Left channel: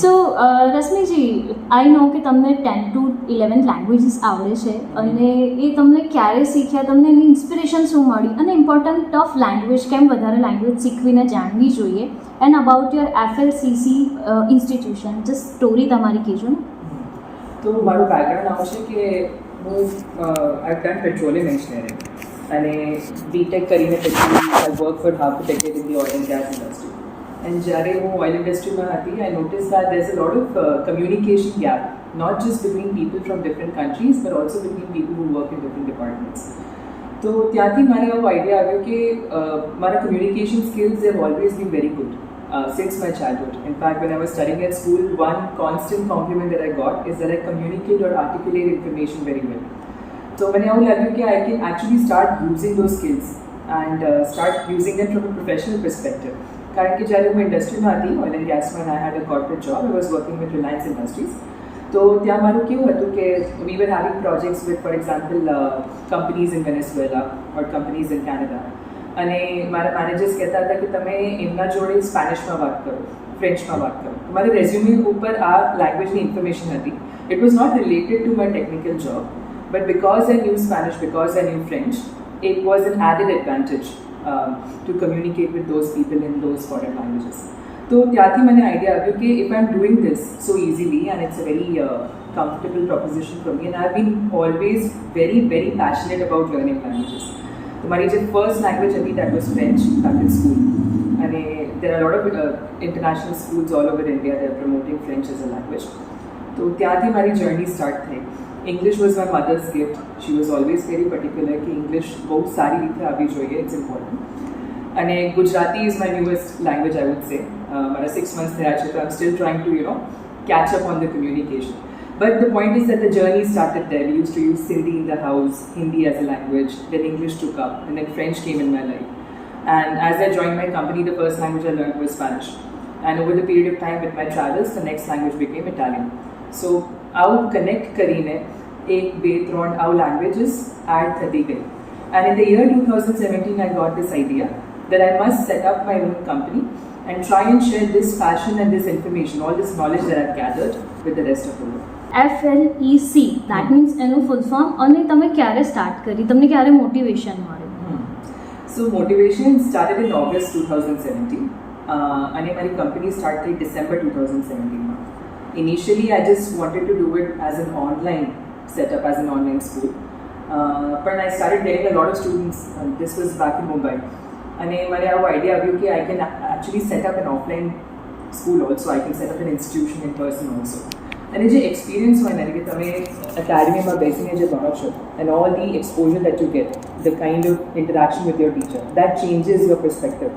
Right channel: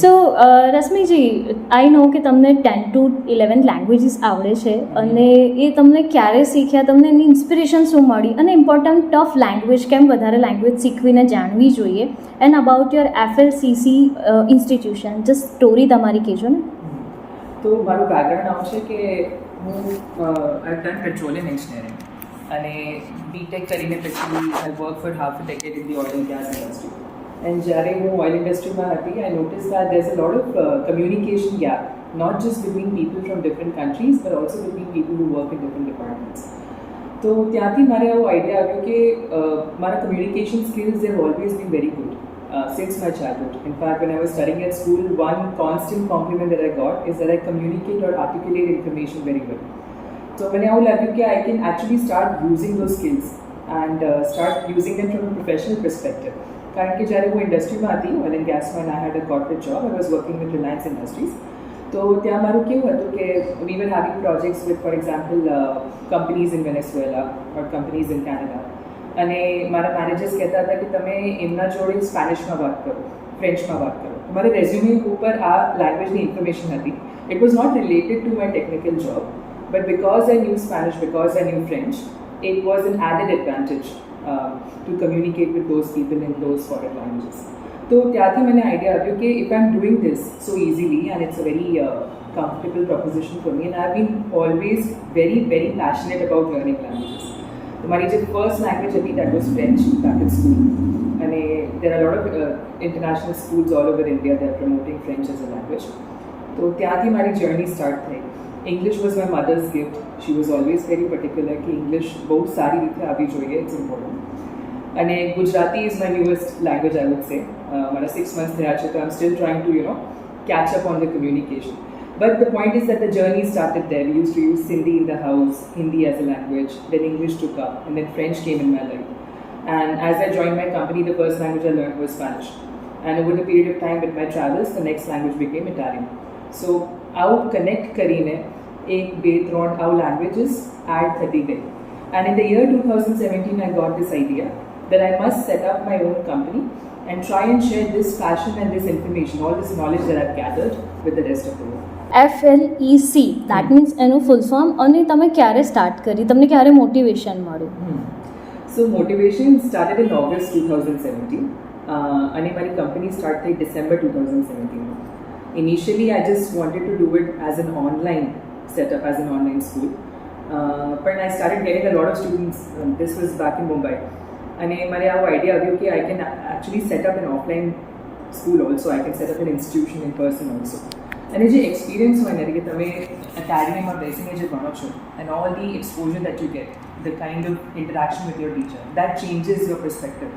સો રશ્મિજી, આઈ નો કે તમને 10 to 11 languages આવડે છે અને એ તમને ક્યારે શીખ્યા, તમને એની ઇન્સ્પિરેશન શું મળી અને ઇમ્પોર્ટન્ટ ઓફ લેંગ્વેજ, કેમ વધારે લેંગ્વેજ શીખવીને જાણવી જોઈએ, and about your FLCC institution, just story તમારી કહેજો ને. તો મારું બેકગ્રાઉન્ડ આવું છે કે હું આઈ ડન પેટ્રોલિયમ એન્જિનિયરિંગ અને બીટેક કરીને પછી I work four half a decade in the oil and gas industry. And જ્યારે હું ઓઇલ ઇન્ડસ્ટ્રીમાં હતી, I noticed that there's a lot of communication gap, not just between people from different countries, but also between people who work in different departments. તો ત્યાંથી મારે આવો idea આવ્યો કે મારા communication skills have always been very good since my childhood. In fact, when I was studying at school, one constant compliment that I got is that I communicate or articulate information very well. So મને આવું લાગ્યું કે I can actually start using those skills and start using them from a professional perspective. કારણ કે જ્યારે હું ઇન્ડસ્ટ્રીમાં હતી, ઓઇલ એન્ડ ગેસમાં, I had a corporate job, I was working with Reliance Industries. તો ત્યાં મારું કેવું હતું કે we were having projects with, for example, companies in Venezuela or companies in Canada. અને મારા મેનેજર્સ કહેતા હતા કે તમે એમના જોડે સ્પેનિશમાં વાત કરો, ફ્રેન્ચમાં વાત કરો. તો મારે રેઝ્યુમે ઉપર આ લેંગ્વેજની ઇન્ફોર્મેશન હતી. It was not related to my technical job, but because I knew Spanish, because I knew French, it was an added advantage to communicate with those people in those foreign languages. So ત્યાંથી મને idea આવ્યો કે if I'm doing this so easily and it's a very comfortable proposition for me, and I've been always very, very passionate about learning languages. So મારી જે first language હતી, that was French back in school. And there are a lot of international schools all over India that are promoting French as a language. So ત્યાંથી મારી journey start થઈ. English was my mother's gift. She was always very particular कि English बहुत सारी રીતે આવવી જોઈએ, it's important. અને Gujarati is my newest language, I would say. મારા 6 months થયા છે, so I'm still trying to, catch up on the communication. But the point is that the journey started there. We used to use Sindhi in the house, Hindi as a language, then English took up, and then French came in my life. And as I joined my company, the first language I learned was Spanish. And over the period of time with my travels, the next language became Italian. So આવું connect કરીને 1, 2, 3 આવું languages add થતી ગઈ. And in the year 2017, I got this idea that I must set up my own company and try and share this passion and this information, all this knowledge that I've gathered with the rest of the world. FLEC, that means એનું full form. અને તમે ક્યારે start કરી, તમને ક્યારે motivation મળ્યું? So motivation started in August 2017 અને મારી કંપની સ્ટાર્ટ થઈ December 2017. Initially, I just wanted to do it as an online setup, as an online school. But I started getting a lot of students. This was back in Mumbai. And I have an idea that I can actually set up an offline school also. I can set up an institution in person also. And the experience when you get academy or basing and all the exposure that you get, the kind of interaction with your teacher, that changes your perspective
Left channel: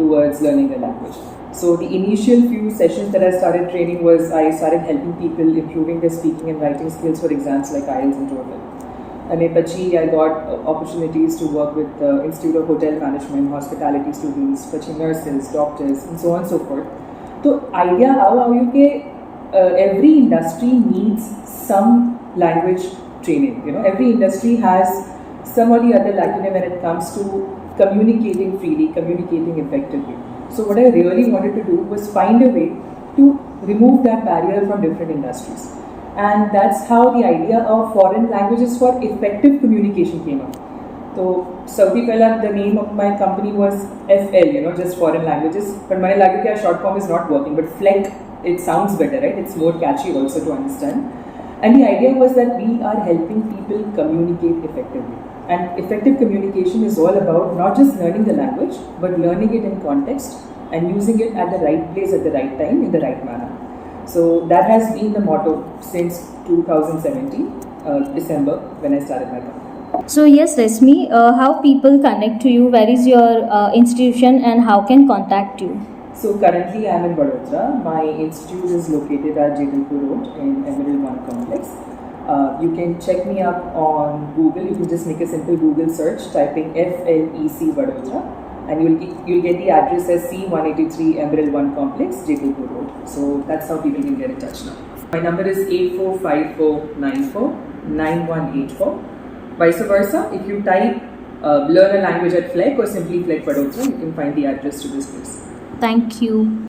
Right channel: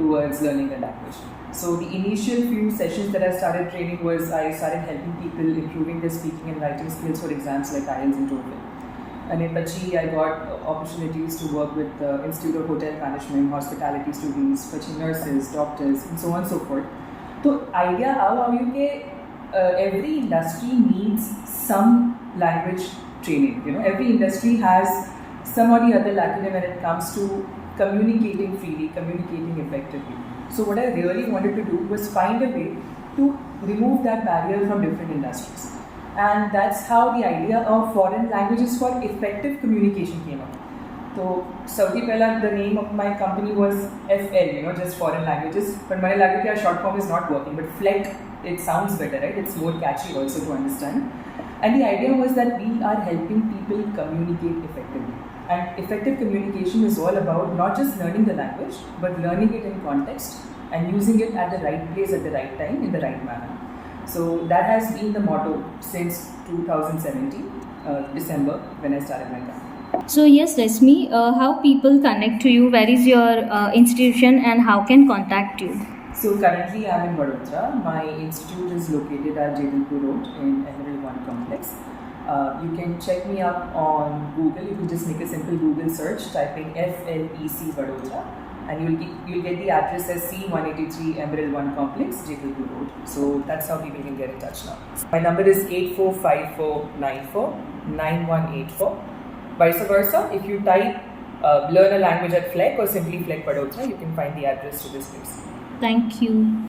towards learning the language. So the initial few sessions that I started training was I started helping people improving their speaking and writing skills for exams like IELTS and TOEFL. And then I got opportunities to work with the Institute of Hotel Management, hospitality students, nurses, doctors, and so on and so forth. So idea how you every industry needs some language training. Every industry has some or the other lacuna when it comes to communicating freely, communicating effectively. So what I really wanted to do was find a way to remove that barrier from different industries. And that's how the idea of foreign languages for effective communication came up. So Saudi Pella, the name of my company was FL, just foreign languages. But my language short form is not working, but FLEC, it sounds better, right? It's more catchy also to understand. And the idea was that we are helping people communicate effectively. And effective communication is all about not just learning the language, but learning it in context and using it at the right place at the right time in the right manner. So that has been the motto since 2017, December, when I started my company. So yes, Reshmi, how people connect to you? Where is your institution and how can contact you? So currently I am in Vadodara. My institute is located at Jadalpur Road in Emerald One Complex. You can check me up on Google. You can just make a simple Google search, typing FLEC Vadodara, and you'll get the address as C183 Emerald One Complex, Jadalpur Road. So that's how people can get in touch now. My number is 8454949184. Vice versa, if you type learn a language at FLEC or simply FLEC Vadodara, you can find the address to this place. Thank you.